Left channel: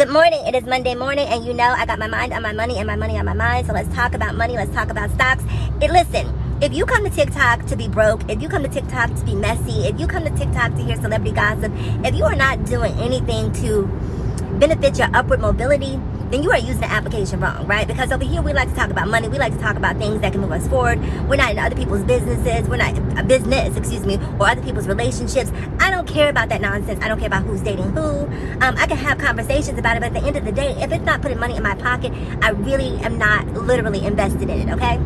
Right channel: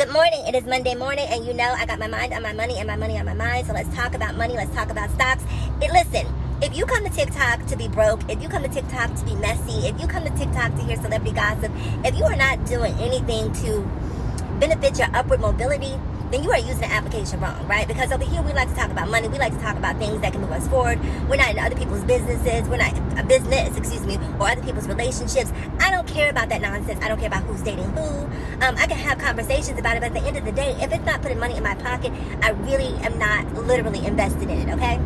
Good morning. It is Monday morning, and you know I got my mind on my money and my money on my mind. So let's talk about money. Let's talk about stocks. And listen, if you come to TikTok to be broke, if you come to TikTok to be messy, if you come to TikTok to hear celebrity gossip, if you are not doing anything to benefit your upward mobility, then you are using the application wrong, right? Because over here we like to talk about money. We like to talk about things that can move us forward. We're not in other people's businesses. We're not a business, or other people's relationships. I don't care about that nonsense. I don't care about who's dating who. I can have conversations about it, but at the end of the day, if it's not putting money in my pocket, I really am not literally invested in it, okay?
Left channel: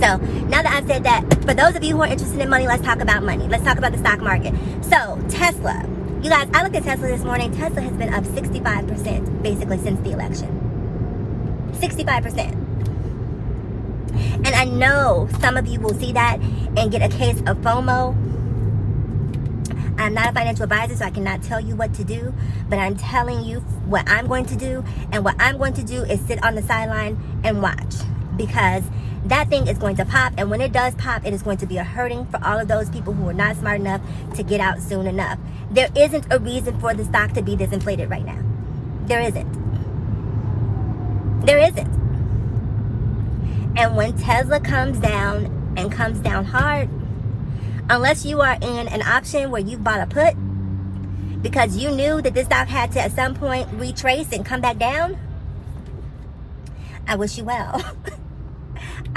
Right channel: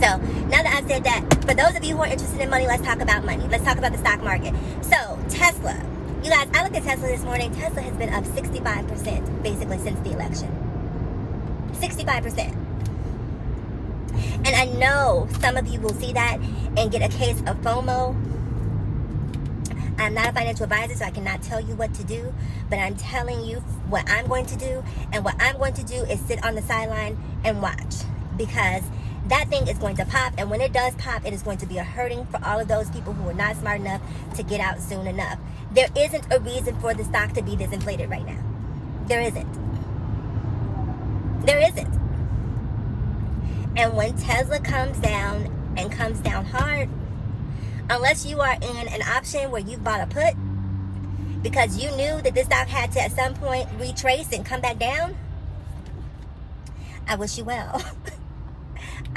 So, now that I've said that, for those of you who are interested in money, let's talk about money. Let's talk about the stock market. So, Tesla. You guys, I looked at Tesla this morning. Tesla has been up 65% basically since the election. 65%. And I know some of you will see that and get a case of FOMO. I'm not a financial advisor, so I cannot tell you what to do, but I'm telling you what I'm going to do, and what I'm going to do is sit on the sideline and watch, because that thing is going to pop, and when it does pop, it is going to be a hurting for all of those people who are not smart enough to get out soon enough. There isn't a reason for the stock to be this inflated right now. There isn't. There isn't. And when Tesla comes down, and comes down hard, unless you are in an option where you bought a put because you knew that this stock had to at some point retrace and come back down, I wish you well.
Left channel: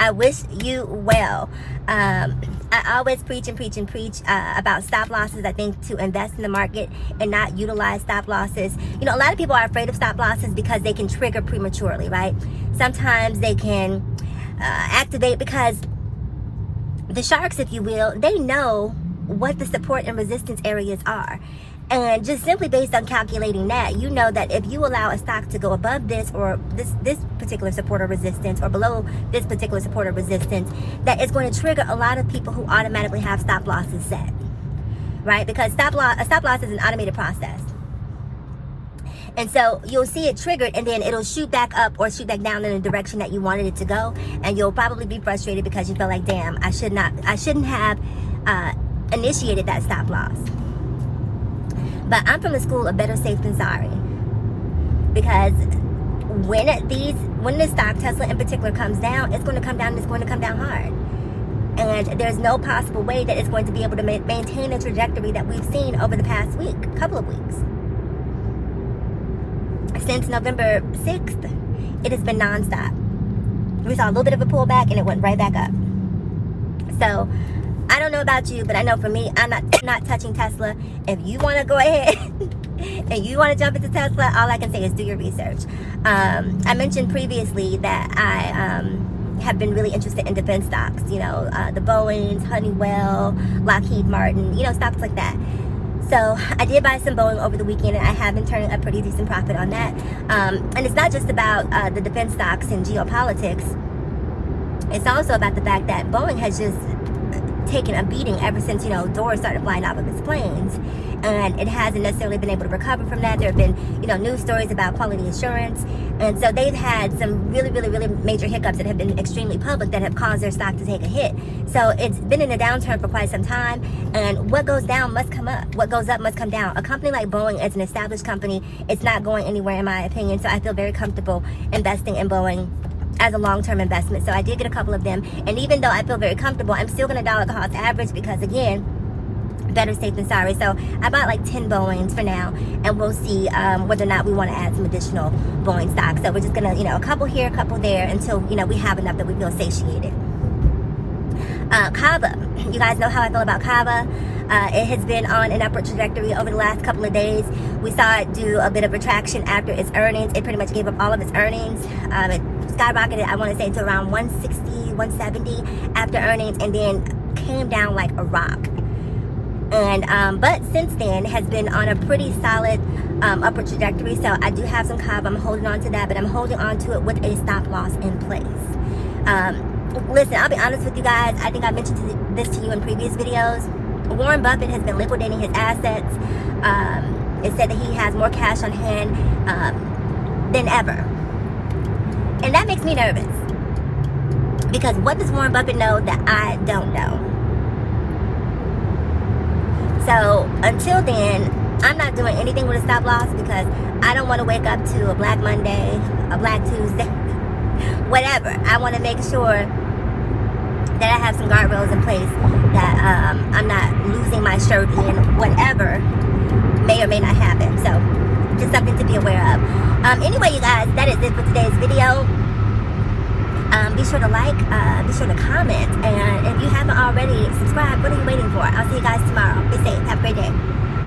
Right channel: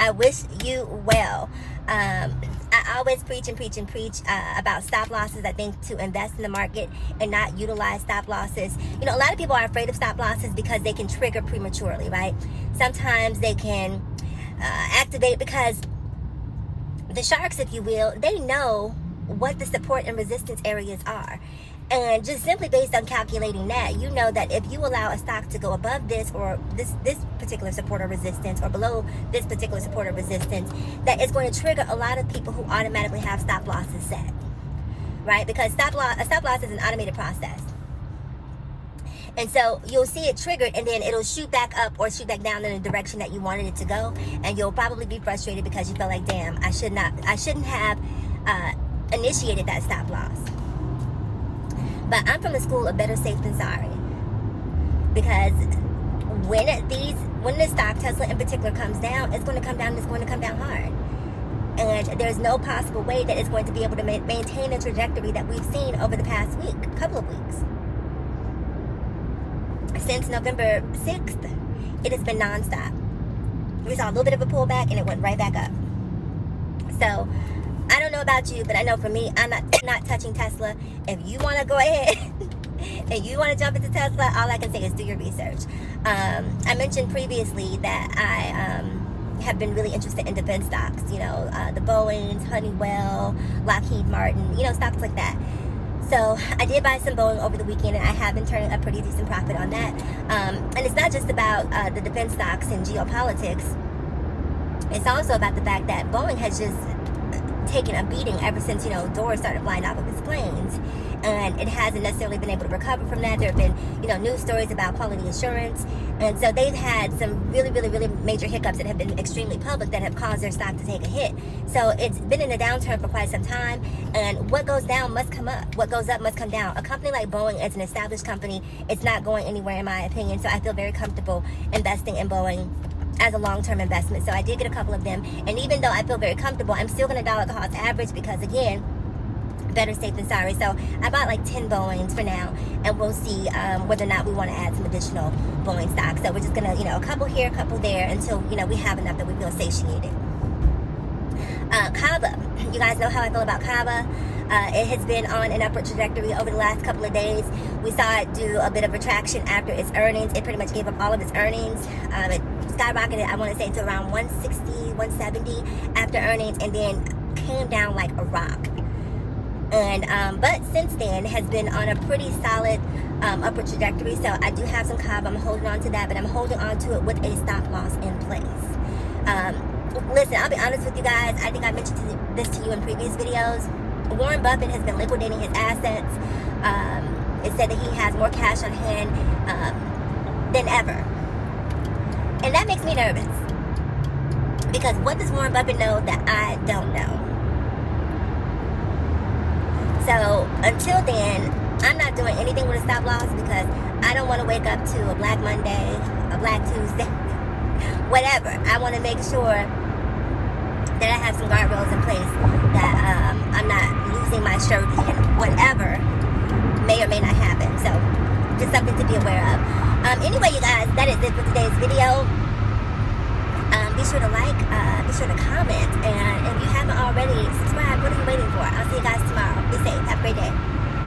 I wish you well. I always preach about stop losses. I think to invest in the market and not utilize stop losses. You know, a lot of people are afraid of stop losses because they can trigger prematurely, right? Sometimes they can activate because the sharks, if you will, they know what the support and resistance areas are. And just simply based on calculating that, you know that if you allow a stock to go above this or this particular support or resistance, or below this particular support or resistance, that it's going to trigger a lot of people who automatically have stop losses set, right? Because a stop loss is an automated process. And so you'll see it triggered, and then it'll shoot back up or shoot back down in the direction that you wanted it to go, and you'll probably be frustrated because you feel like, damn, I shouldn't have initiated that stop loss. But I'm from the school of better safe than sorry, because when the stock, Tesla in particular, comes down, it's going to come down. It's going to come down hard, and there's no possible way that it's going to be able to maintain the trajectory that we've seen over the past couple of weeks. Since November 6th, it has been nonstop. We saw a little bit of a pullback, and it went right back up. So I don't know about you, but I know for me, I'm not touching Tesla. If you want to go ahead and you want to jump into Tesla, all I can say is do your research. I mentioned previously that I have been really interested in defense stocks. You know, the Boeings, Honeywell, Lockheed Martin, you know, stocks like that. So I did buy some Boeing over the weekend, and I have been turning a pretty decent profit on that. And it's not just about the defense stocks and geopolitics. It's also about the fact that Boeing has just taken a beating ever since, you know, doors started flying off of its planes, and it hasn't necessarily been able to recover from that. There have been, you know, news stories about quality assurance, and so they've had some really major hiccups that have been extremely public that have caused their stock to take a hit. So it's been in a downturn for quite some time, and what goes down must come up. What goes up must come down. A company like Boeing is an established company. It's not going anywhere, in my opinion, so I feel very comfortable investing in Boeing as a long-term investment. So I did get a couple of them, and even though I feel very comfortable, I'm still going to dollar cost average, because again, better safe than sorry. So I bought like 10 Boeings for now, and we'll see whether or not we want to add some additional Boeing stocks. So we're just gonna, you know, a couple here, a couple there, until, you know, we have enough that we feel satiated. Kava, you guys know how I feel about Kava. It has been on an upward trajectory over the last couple of days. We saw it do a bit of retraction after its earnings. It pretty much gave up all of its earnings. It skyrocketed, I want to say, to around 160, 170 after earnings, and then came down like a rock. And but since then has been on a pretty solid upward trajectory. So I do have some Kava. I'm holding on to that, but I'm holding on to it with a stop loss in place. Listen, I'll be honest with you guys. I think I mentioned this to you in previous videos. Warren Buffett has been liquidating his assets. It said that he has more cash on hand than ever. And that makes me nervous. Because what does Warren Buffett know that I don't know? So until then, I'm not doing anything with a stop loss, because I don't want to wake up to a Black Monday, a Black Tuesday, whatever. I want to make sure